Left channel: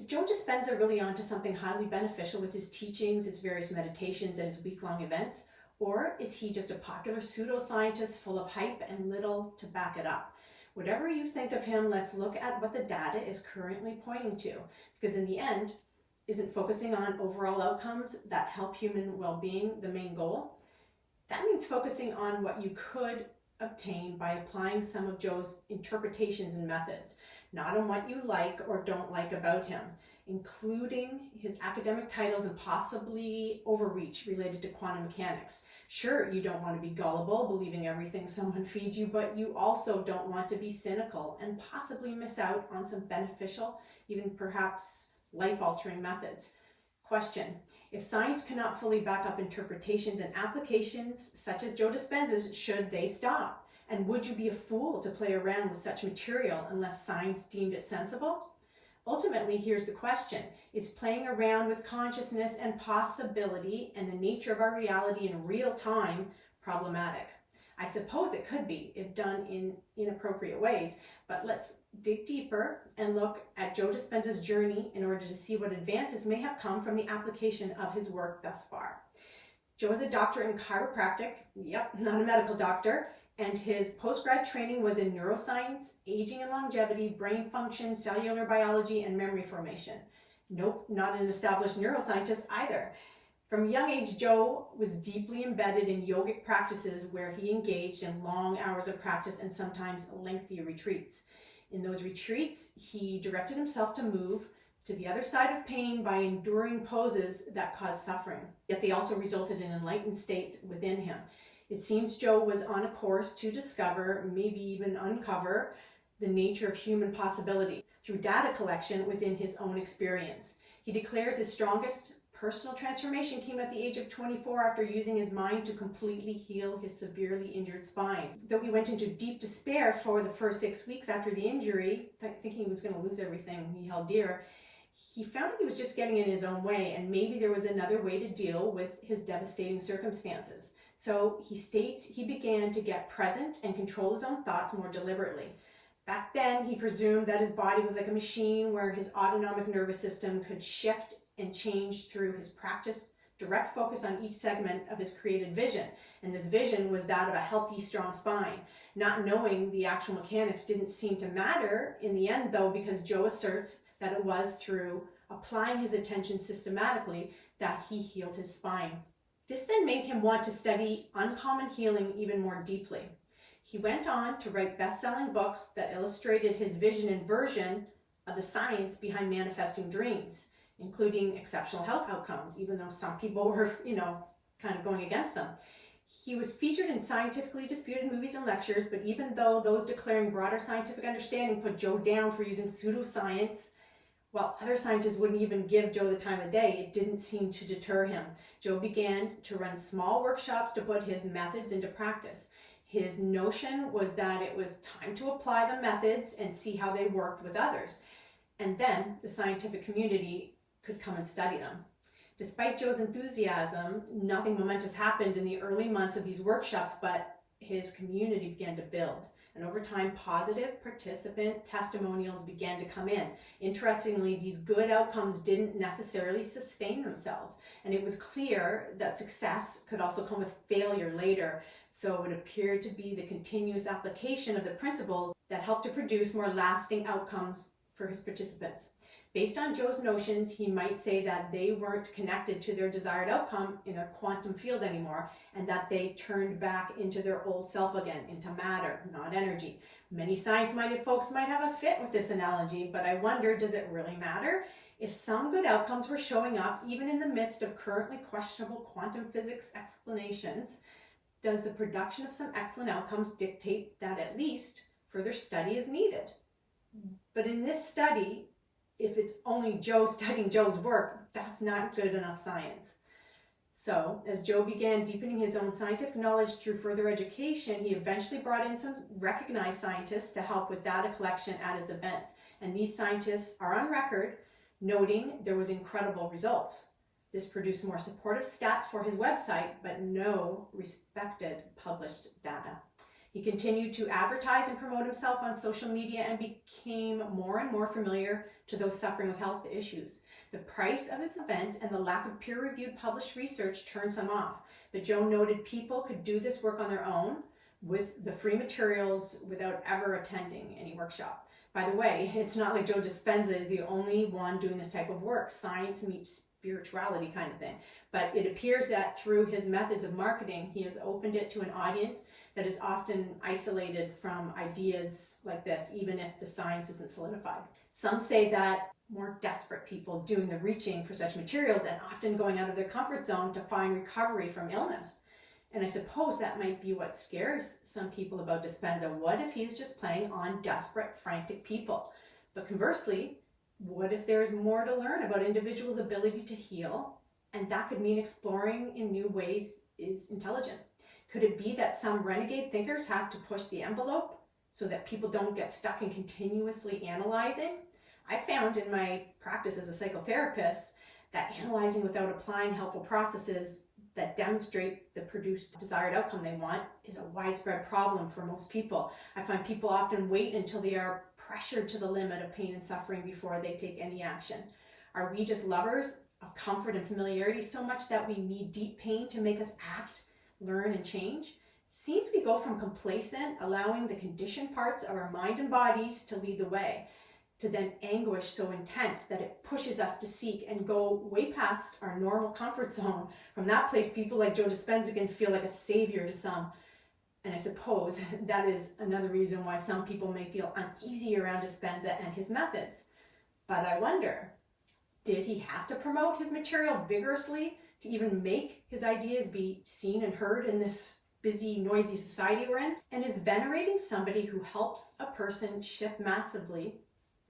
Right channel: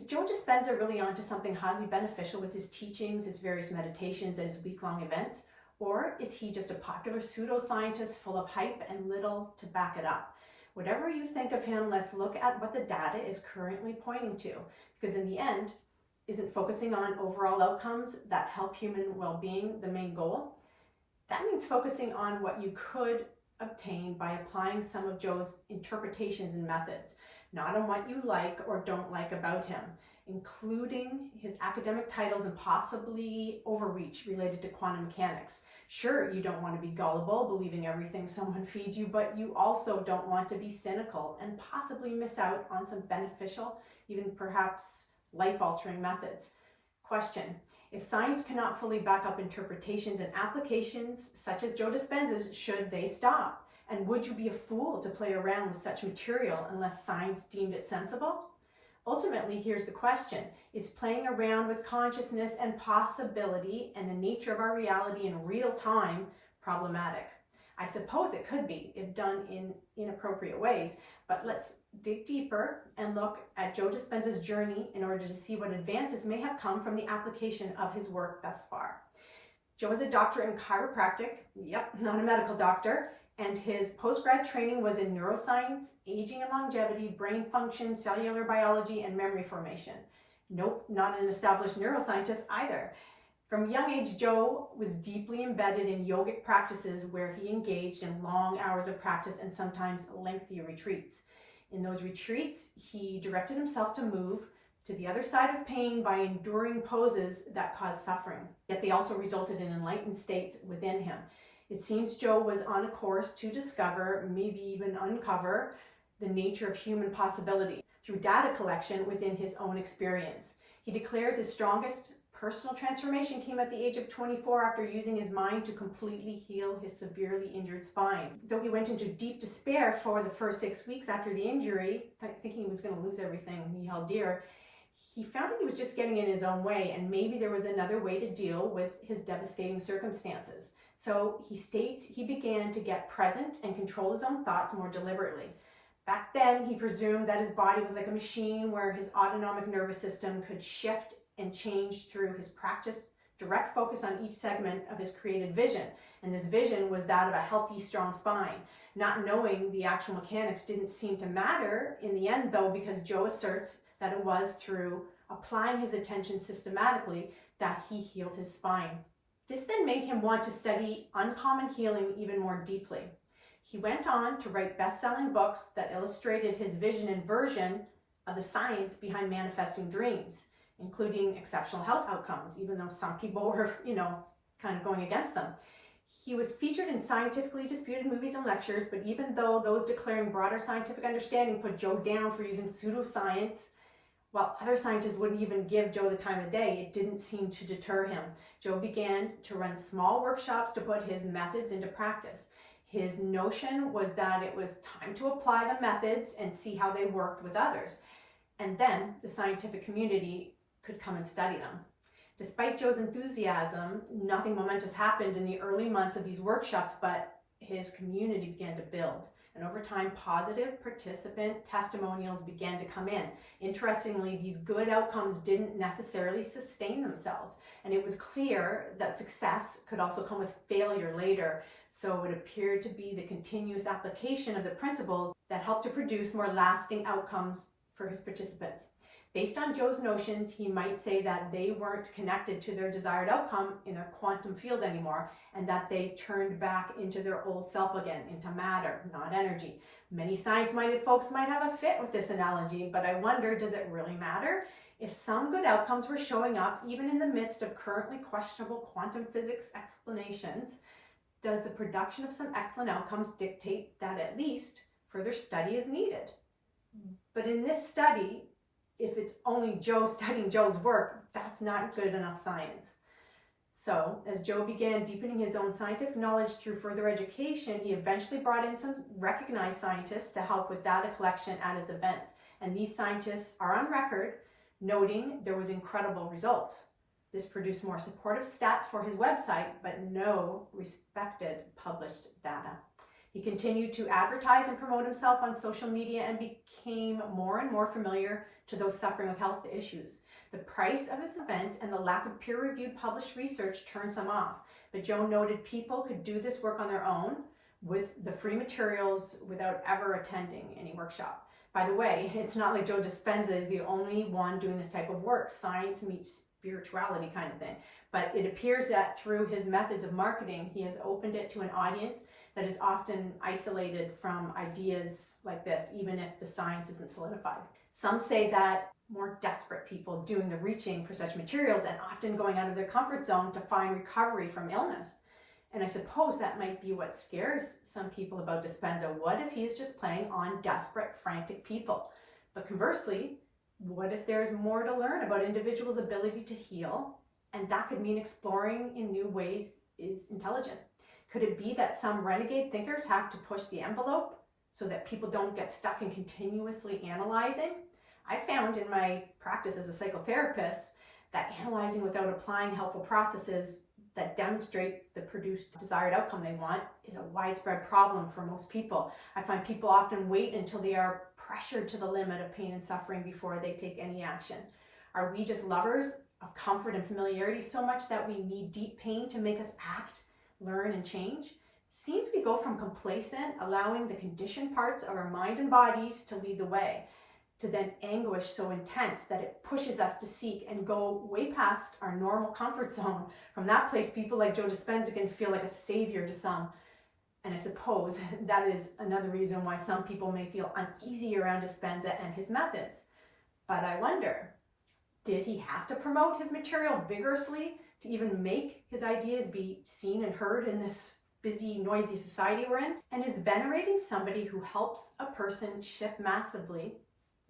Is Joe Dispenza really onto something highly beneficial with his teachings, his various meditations, and his week-long events? Or is he just a popular pseudoscientist full of hype and little to back it up? Whatever you think of him, let's look at what the data is currently pointing to. Because in the end, isn't focusing on overall outcomes that help human well-being the main goal? That means focusing on what you could obtain by applying some of Joe's interpretations and methods, not on what you like or don't like about him, including his academic titles and possibly overreach related to quantum mechanics. Sure, you don't want to be gullible, believing everything someone feeds you, but you also don't want to be cynical and possibly miss out on some beneficial, even perhaps life-altering methods. Question: if science cannot fully back up interpretations and applications such as Joe Dispenza's, should they stop? And would you be a fool to play around with such material unless science deemed it sensible? Ultimately, here's the question: is playing around with consciousness and possibility and the nature of our reality in real time problematic? I suppose it could be if done in inappropriate ways, but let's dig deeper and look at Joe Dispenza's journey in order to see what advances may have come from the application of his work thus far. Joe is a doctor in chiropractic, yep, not a medical doctor, and his post-grad training was in neuroscience, aging and longevity, brain function, cellular biology, and memory formation. Nope, not an established neuroscientist either. From a young age, Joe was deeply embedded in yogic practices where he engaged in long hours of practice and sometimes lengthy retreats. In those retreats, he directed himself to move to the other side of pain by enduring poses that caused suffering, yet they also resulted in enlightened states within him. It seems Joe was on a course to discover, maybe even uncover, the nature of human possibility through data collection within his own experience. He declares his strongest personal transformation came at the age of 24 after using his mind to completely heal his severely injured spine. Though he went into deep despair for the first 6 weeks after the injury, thinking he was going to lose everything he held dear, he found that he was just getting in his own way, and maybe there was another way to deal with his devastating circumstances. So he states he began to get present and control his own thoughts more deliberately. Back then, he presumed that his body was like a machine where his autonomic nervous system could shift and change through his practiced direct focus on each segment of his created vision. And this vision was that of a healthy, strong spine. Not knowing the actual mechanics didn't seem to matter in the end, though, because Joe asserts that it was through applying his attention systematically that he healed his spine. This then made him want to study uncommon healing even more deeply. He went on to write best-selling books that illustrated his vision and version of the science behind manifesting dreams, including exceptional health outcomes, even though some people were, kind of going against them. He was featured in scientifically disputed movies and lectures, but even though those declaring broader scientific understanding put Joe down for using pseudoscience, while other scientists wouldn't even give Joe the time of day, it didn't seem to deter him. Joe began to run small workshops to put his methods into practice. His notion was that it was time to apply the methods and see how they worked with others. And then the scientific community could come and study them. Despite Joe's enthusiasm, nothing momentous happened in the early months of these workshops, but his community began to build. And over time, positive participant testimonials began to come in. Interestingly, these good outcomes didn't necessarily sustain themselves. And it was clear that success could also come with failure later. So it appeared to be the continuous application of the principles that helped to produce more lasting outcomes for his participants. Based on Joe's notions, he might say that they weren't connected to their desired outcome in their quantum field anymore, and that they turned back into their old self again, into matter, not energy. Many science-minded folks might have a fit with this analogy, but I wonder, does it really matter? If some good outcomes were showing up, even in the midst of currently questionable quantum physics explanations, does the production of some excellent outcomes dictate that at least further study is needed? But in this study, if it's only Joe studying Joe's work, that's not good enough science. So, as Joe began deepening his own scientific knowledge through further education, he eventually brought in some recognized scientists to help with data collection at his events. And these scientists are on record noting there was incredible results. This produced more supportive stats for his website, but no respected published data. He continued to advertise and promote himself on social media and became more and more familiar to those suffering with health issues. The price of his events and the lack of peer-reviewed published research turns some off. But Joe noted people could do this work on their own with the free materials without ever attending any workshop. By the way, it's not like Joe Dispenza is the only one doing this type of work, science meets spirituality kind of thing. But it appears that through his methods of marketing, he has opened it to an audience that is often isolated from ideas like this, even if the science isn't solidified. Some say that more desperate people doing the reaching for such materials and often going out of their comfort zone to find recovery from illness. And I suppose that might be what scares some people about Dispenza. What if he is just playing on desperate, frantic people? But conversely, what if there's more to learn about individuals' ability to heal? And that could mean exploring in new ways is intelligent. Could it be that some renegade thinkers have to push the envelope so that people don't get stuck in continuously analyzing? I found in my practice as a psychotherapist that analyzing without applying helpful processes that demonstrate the produced desired outcome they want is a widespread problem for most people. I find people often wait until they are pressured to the limit of pain and suffering before they take any action. Are we just lovers of comfort and familiarity so much that we need deep pain to make us act, learn, and change? Seems we go from complacent, allowing the conditioned parts of our mind and bodies to lead the way, to then anguish so intense that it pushes us to seek and go way past our normal comfort zone. From that place, people like Joe Dispenza can feel like a savior to some. And I suppose that is another reason why some people may feel uneasy around Dispenza and his methods. But I wonder, did he have to promote his material vigorously to even make his ideas be seen and heard in this busy, noisy society we're in? And is venerating somebody who helps a person shift massively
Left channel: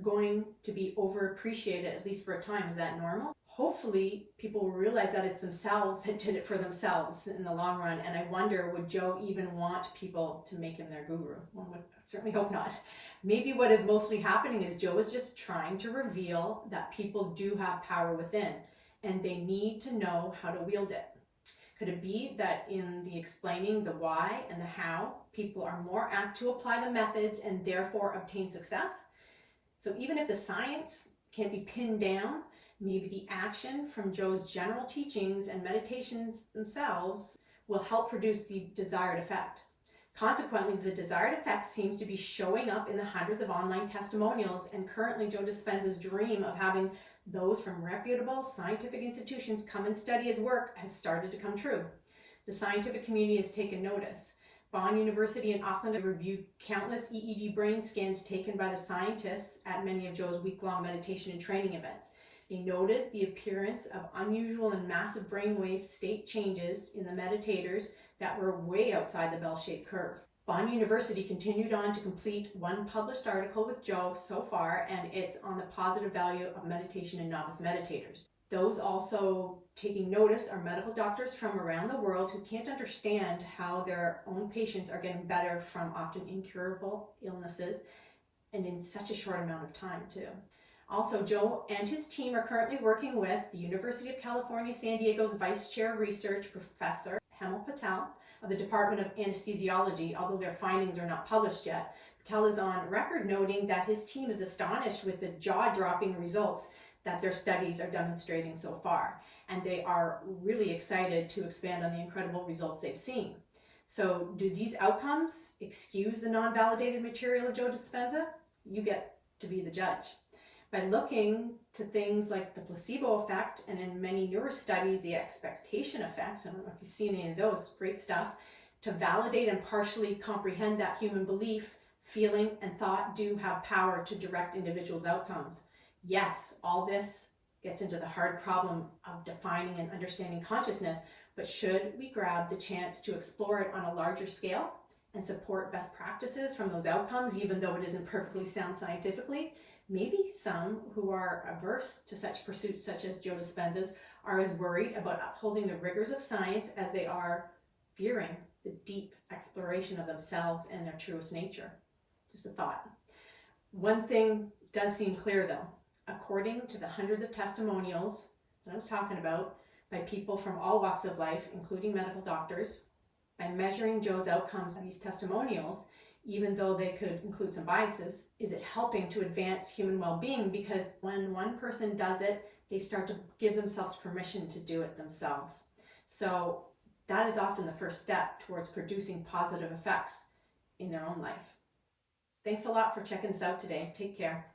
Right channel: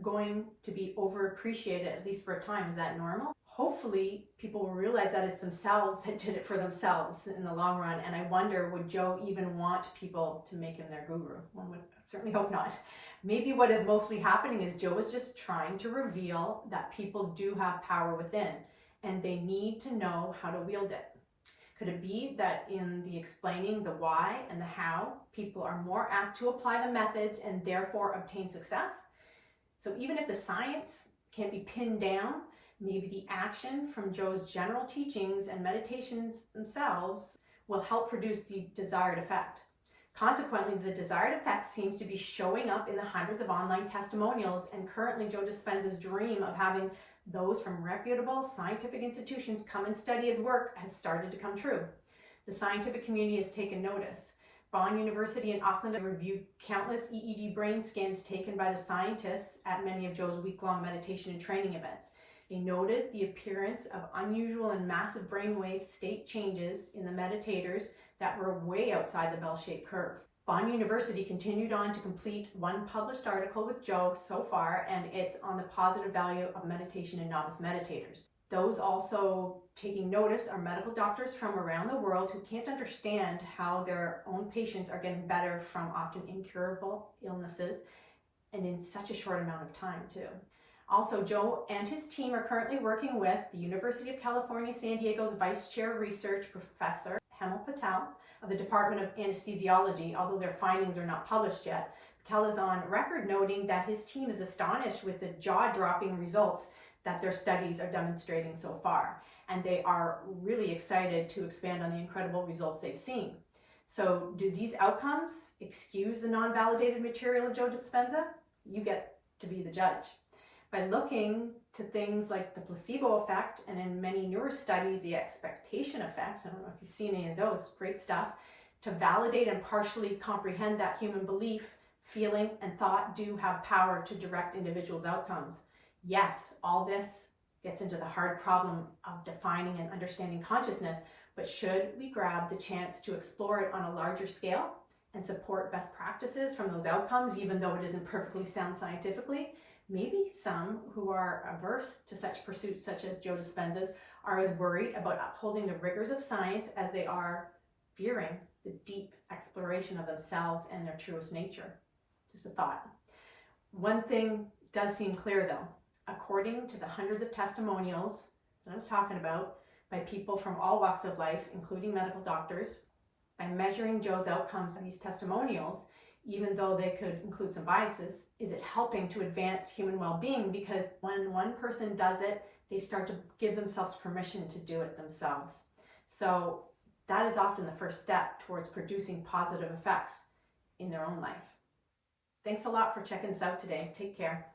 going to be overappreciated, at least for a time? Is that normal? Hopefully people will realize that it's themselves that did it for themselves in the long run. And I wonder, would Joe even want people to make him their guru? One would certainly hope not. Maybe what is mostly happening is Joe is just trying to reveal that people do have power within and they need to know how to wield it. Could it be that in the explaining the why and the how, people are more apt to apply the methods and therefore obtain success? So even if the science can't be pinned down, maybe the action from Joe's general teachings and meditations themselves will help produce the desired effect. Consequently, the desired effect seems to be showing up in the hundreds of online testimonials, and currently Joe Dispenza's dream of having those from reputable scientific institutions come and study his work has started to come true. The scientific community has taken notice. Bond University in Auckland have reviewed countless EEG brain scans taken by the scientists at many of Joe's week-long meditation and training events. They noted the appearance of unusual and massive brainwave state changes in the meditators that were way outside the bell-shaped curve. Bond University continued on to complete one published article with Joe so far, and it's on the positive value of meditation in novice meditators. Those also taking notice are medical doctors from around the world who can't understand how their own patients are getting better from often incurable illnesses, and in such a short amount of time too. Also, Joe and his team are currently working with the University of California, San Diego's Vice Chair of Research, Professor Hemal Patel of the Department of Anesthesiology, although their findings are not published yet. Patel is on record noting that his team is astonished with the jaw-dropping results that their studies are demonstrating so far. And they are really excited to expand on the incredible results they've seen. So do these outcomes excuse the non-validated material of Joe Dispenza? You get to be the judge. By looking to things like the placebo effect, and in many newer studies, the expectation effect, I don't know if you've seen any of those, great stuff, to validate and partially comprehend that human belief, feeling, and thought do have power to direct individuals' outcomes. Yes, all this gets into the hard problem of defining and understanding consciousness, but should we grab the chance to explore it on a larger scale and support best practices from those outcomes, even though it isn't perfectly sound scientifically? Maybe some who are averse to such pursuits, such as Joe Dispenza's, are as worried about upholding the rigors of science as they are fearing the deep exploration of themselves and their truest nature. Just a thought. One thing does seem clear though. According to the hundreds of testimonials that I was talking about by people from all walks of life, including medical doctors, by measuring Joe's outcomes of these testimonials, even though they could include some biases, is it helping to advance human well-being? Because when one person does it, they start to give themselves permission to do it themselves. So that is often the first step towards producing positive effects in their own life. Thanks a lot for checking us out today. Take care.